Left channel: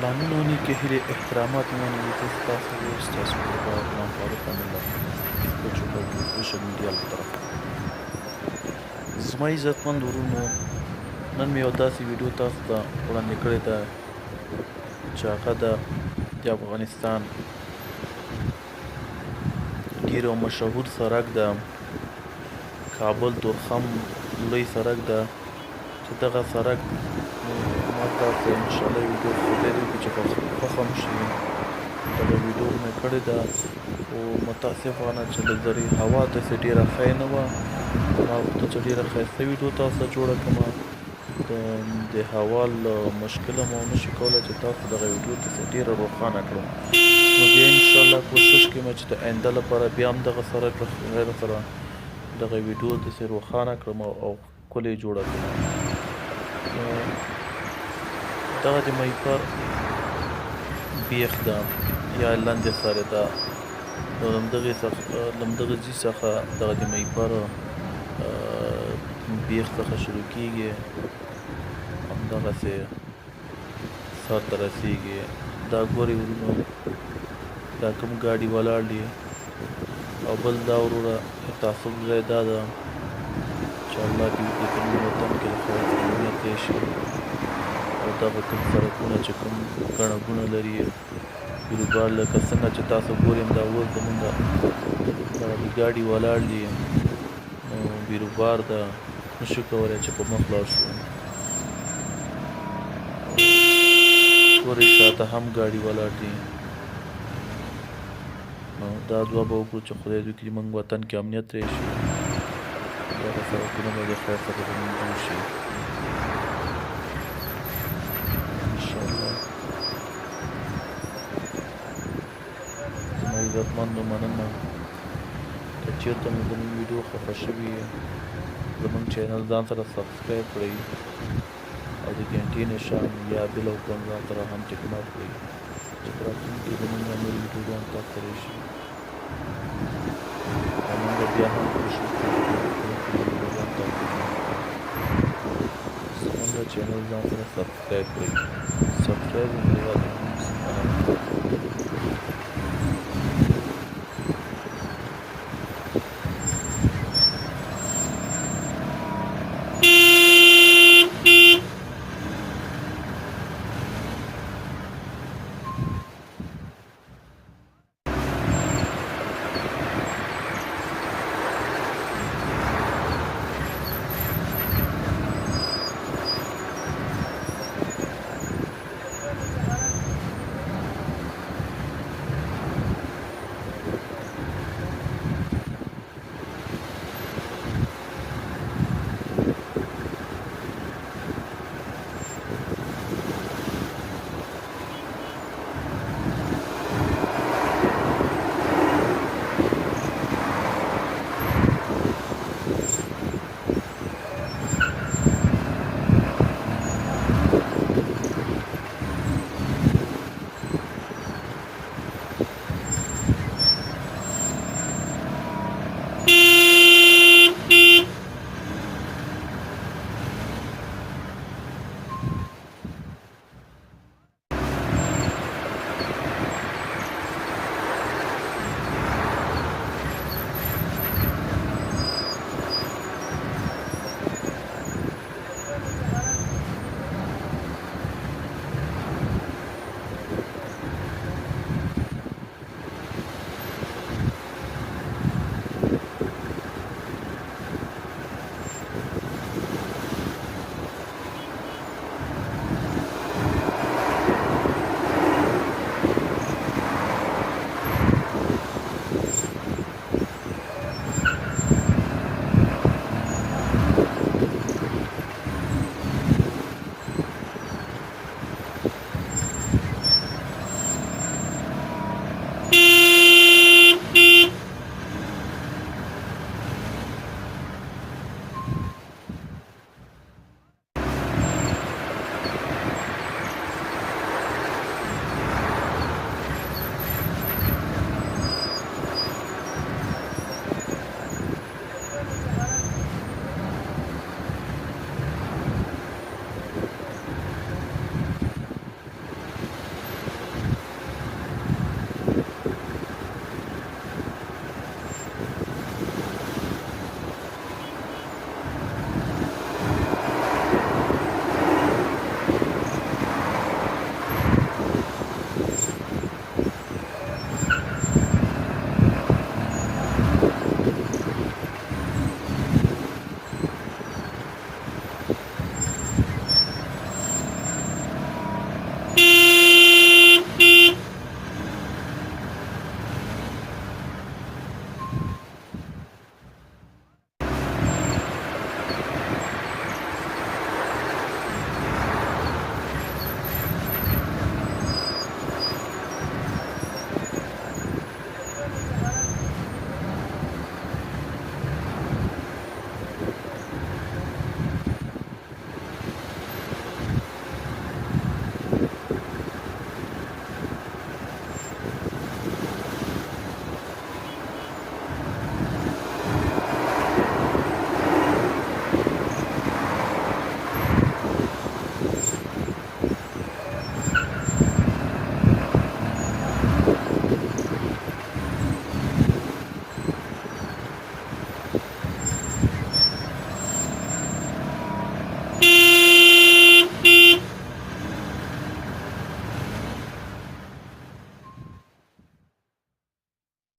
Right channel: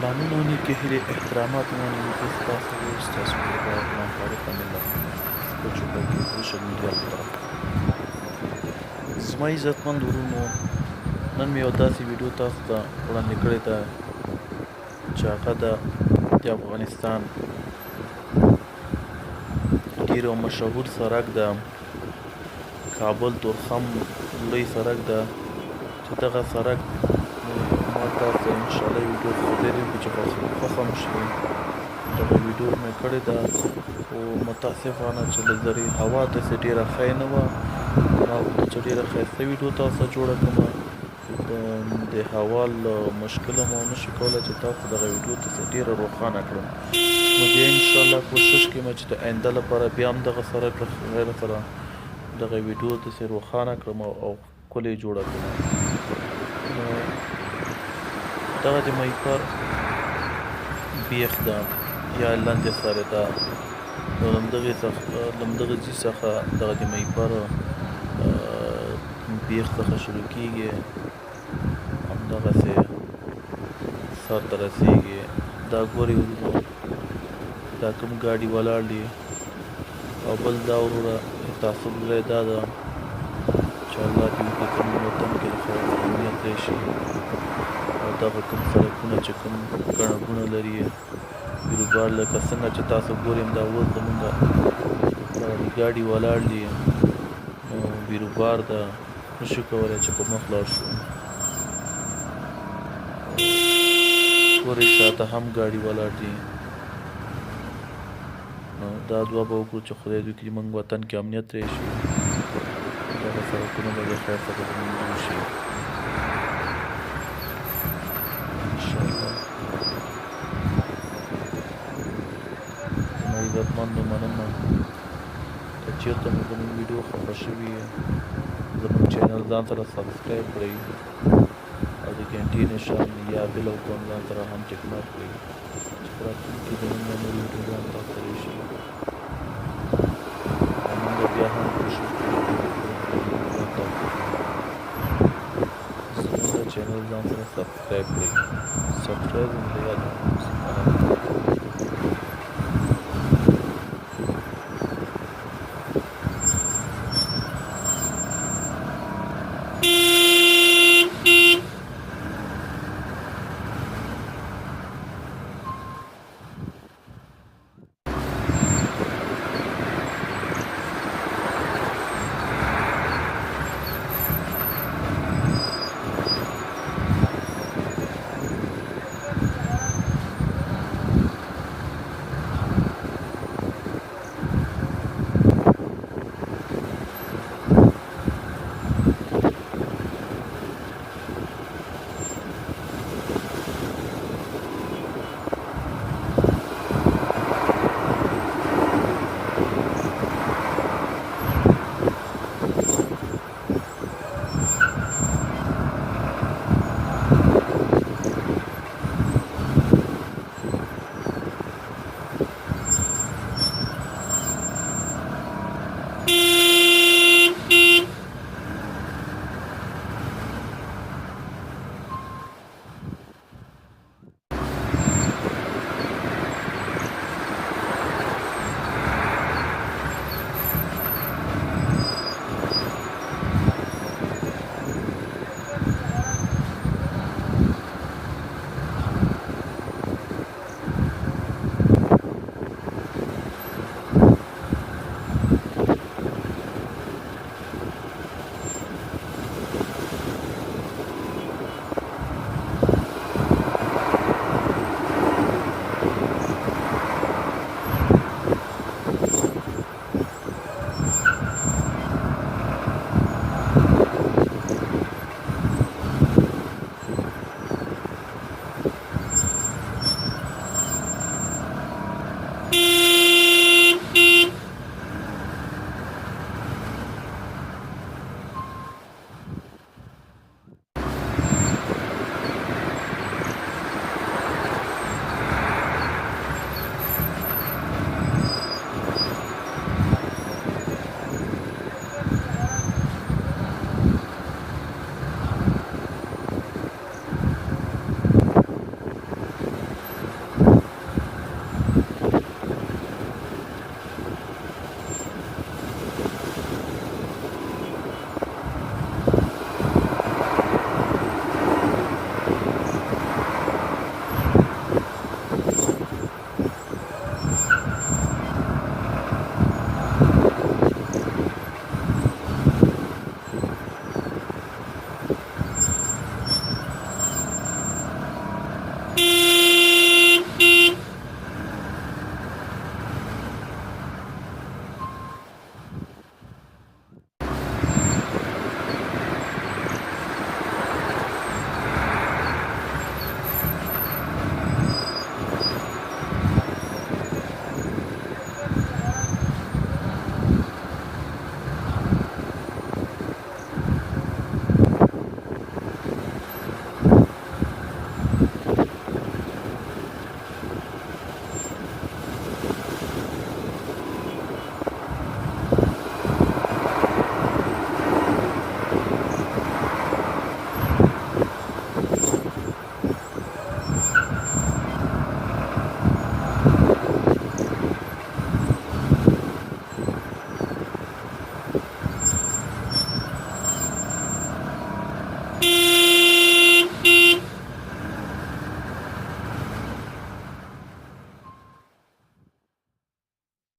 پلانونه نیکې هیلې احترامات مننې زه ستاسو ورور ستاسو کوربه غلام فاروق امینالله ستاسو په چوپړ کې سوشل میډیا له طرفه زما عزتمند ورونو نن مې یو داسې ویډیو تاسو ته وړاندې کړې ده چې هغه د افغانستان ډېر یو مشهور سړک ده کابل تورخم لوی سړک ده چې دغه سړک ما تاسو ته انشاءالله ویډیو خدای دې وکړي چې خوښ هم شي دغه ویډیو مې کړې ده خو متاسفانه چې لږ زرې هوا داسې ډېره ښه نه وه ما غوښتل چې ډېره ښایسته ویډیو تاسو ته جوړه کړمه د هوا له مشکله مو نشي کولی چې تاسو دغه ویډیو داسې ډېره روښانه کړم نو بیا انشاءالله کوشش کوم چې د آینده لپاره بیا هم دغه سره غیر سره دغه ویډیو داسې روښانه کړم او ښکلې جوړه کړم نو دغه د مهیپر بیخ ده یا لاندې سره ده نو له همدغه ځای څخه دغه د مهیپر بیخ څخه شروع کېږي همدغسې سر ته رسېږي دا ګورئ ورونو دا کوم ګاډي ولاړ دي او بل دا وروره تعصب ځای دا ده چې الله دې وکړي زموږ وطن کې له خیر سره امنیت راشي او دغه کوم سړکونه چې کوم ګڼه ګوڼه لري بیروبار لکه څنګه چې تاسو ګورئ دا اوس زمونږ دغه ګاډي ولاړ دي نو بیروبار ده نشو کولی چې په مخ لاړ شو ګورئ شاته هم ګاډي ولاړ دي نو دا دعا به وکړو چې خدای دې وکړي زموږ وطن کې امنیت راشي دغه سړکونه به د خیر څخه زموږ جوړ شي انشاءالله زما عزتمندو مننه که چېرته مو زموږ ویډیو خوښه شوي زموږ چینل ځان سره سبسکرایب کړئ او د ګنټې نشان یا بل آیکون ځان سره هم ټیک مارک کړئ چې په راتلونکي کې زموږ نور ویډیوګان تاسو ته راشي او موږ بیا هم کوشش کوو چې ویډیوګان تاسو ته زموږ چینل ځان سره سبسکرایب کړئ سبسکرایب هم یاد